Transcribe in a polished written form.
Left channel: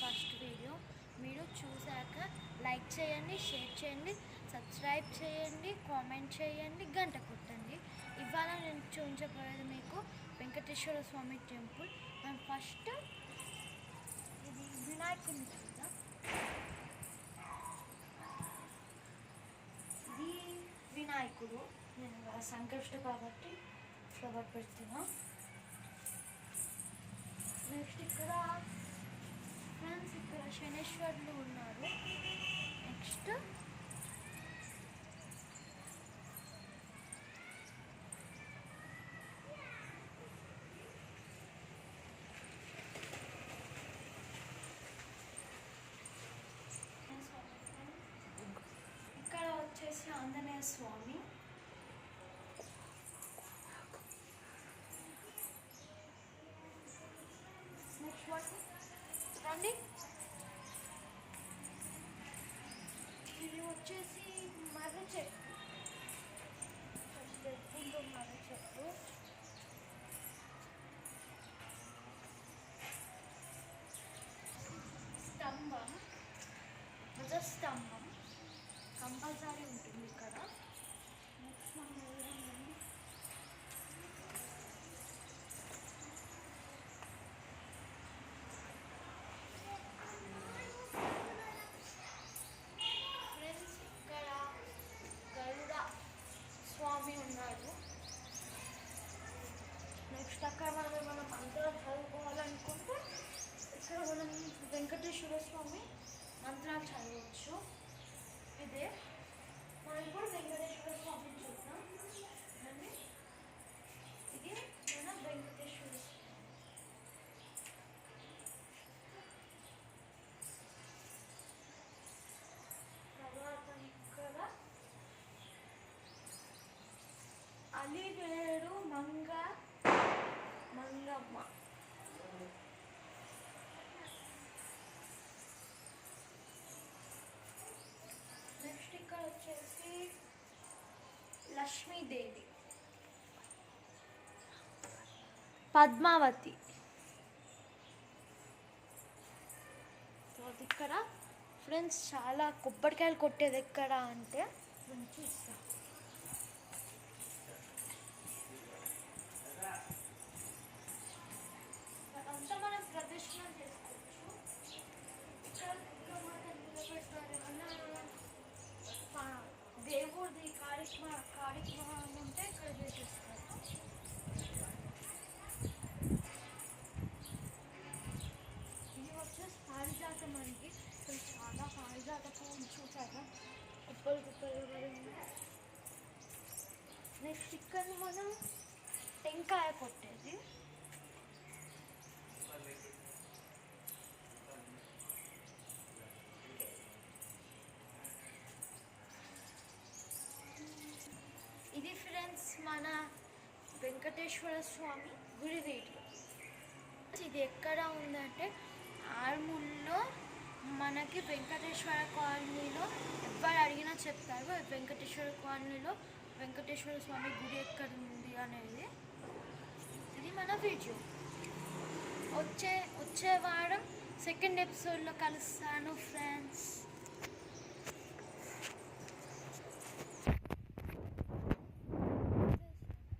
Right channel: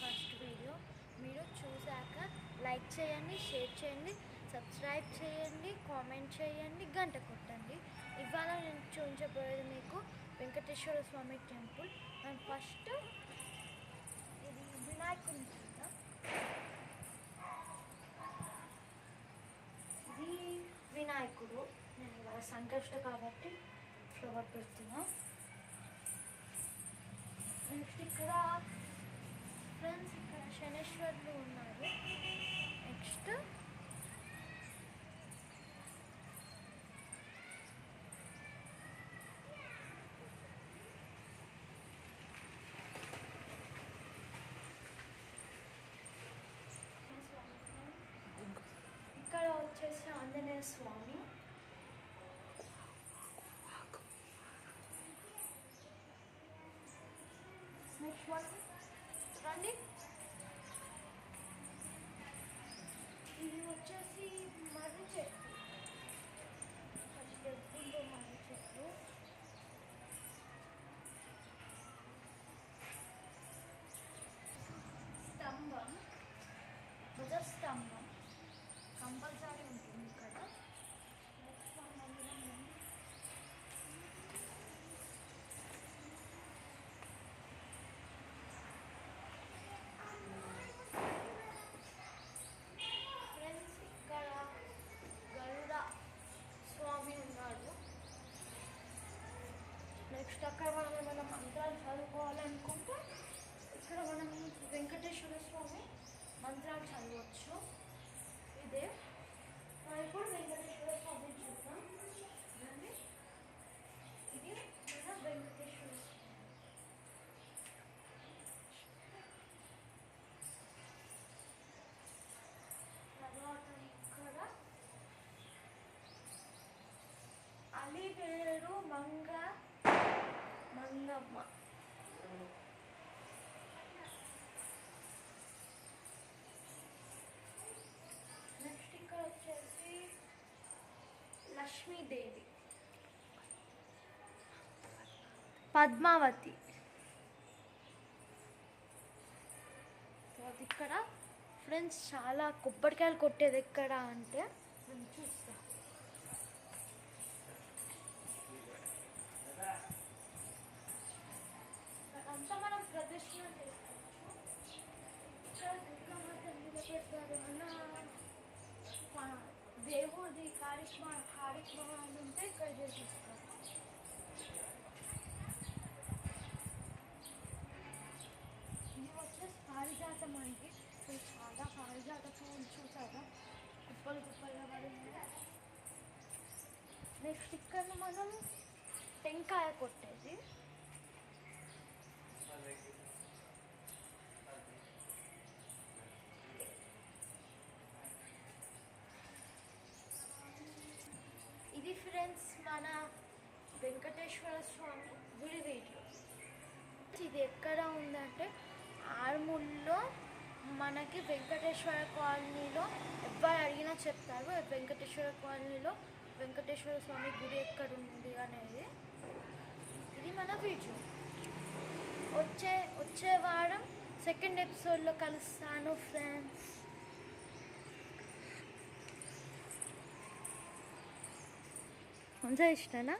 First video. మీరు చూశాక like చేయండి, షేర్ చేయండి, సబ్స్క్రైబ్ చేయండి, కామెంట్ చేయండి, గంట కొట్టండి. ఇవాళ నేను చూపించబోయేది మీకు వెంకటేశ్వర స్వామి టెంపుల్. అండ్ ఫస్ట్ ఇది వినాయకుని కదా, ఇది వినాయకుడు. నేను ఇవాళ సంకష్ట కాబట్టి ఫ్లవర్ పెడుతున్నా. నెక్స్ట్ ఇక్కడ ఫ్రెండ్స్ ఇక్కడ శనేశ్వరులు ఉన్నారు. నెక్స్ట్ ఇక్కడ వచ్చేసి ఆంజనేయ స్వామి. నెక్స్ట్ రండి, ఇది వచ్చేసి మర్రి చెట్టు. మర్రి చెట్టు. స్తంభం, ధ్వజస్తంభం కంపల్సరీ ఉంటుంది ఇక్కడ. నెక్స్ట్ ఫ్రెండ్స్ ఇక్కడ గరుడ స్వామి ఉన్నాడు. నెక్స్ట్ అక్కడ మనం ఏమైనా మంత్రాలు చదువుకోవాలనుకుంటే ఇక్కడ మనం వెంకటేశ్వర స్వామి మంత్రాలు చదవచ్చు. ఇదే మనం ఇప్పుడు వెంకటేశ్వర స్వామి చూద్దాం. ఇది మన వెంకటేశ్వర స్వామి. తర్వాత ఇక్కడ అలివేరు మంగమ్మ. నెక్స్ట్ ఇక్కడ వచ్చేసి లక్ష్మీదేవి, పద్మావతి. ఇక్కడ ఫ్రెండ్స్ చాలా కొబ్బరికాయలు కొట్టేది ఎక్కడ అంటే చూస్తా. అంతా మనం ప్రదర్శన చేసుకోవచ్చు. ఇక్కడ దేవుడిది కార్యక్రమం ఉంటే ఇక్కడ చేసేస్తారు. ఇది వచ్చేసి పారిజాతం అంటే చాలా పారిజాత పువ్వులు చూసాక కుప్పలు కుప్పలుగా పడింది. నెక్స్ట్ ఇక్కడ మనం టెంకాయ కొట్టేది. ఇది ఫ్రెండ్స్ మన వెంకటేశ్వర స్వామి గుడి వీడియో. ఇది ఎక్కడ ఉందంటే ఆర్మూర్లో మనకి వెంకటేశ్వర కాలనీలో. ఎవరు అడిగినా చెప్తారు వెంకటేశ్వర కాలనీలో వెంకటేశ్వర స్వామి గుడి ఎక్కడ ఉంది అనేది. ఇది మన వీడియో. వచ్చే వారం సెకండ్ ఎపిసోడ్లో కలుస్తాను ఫ్రెండ్స్. ఇష్టనా?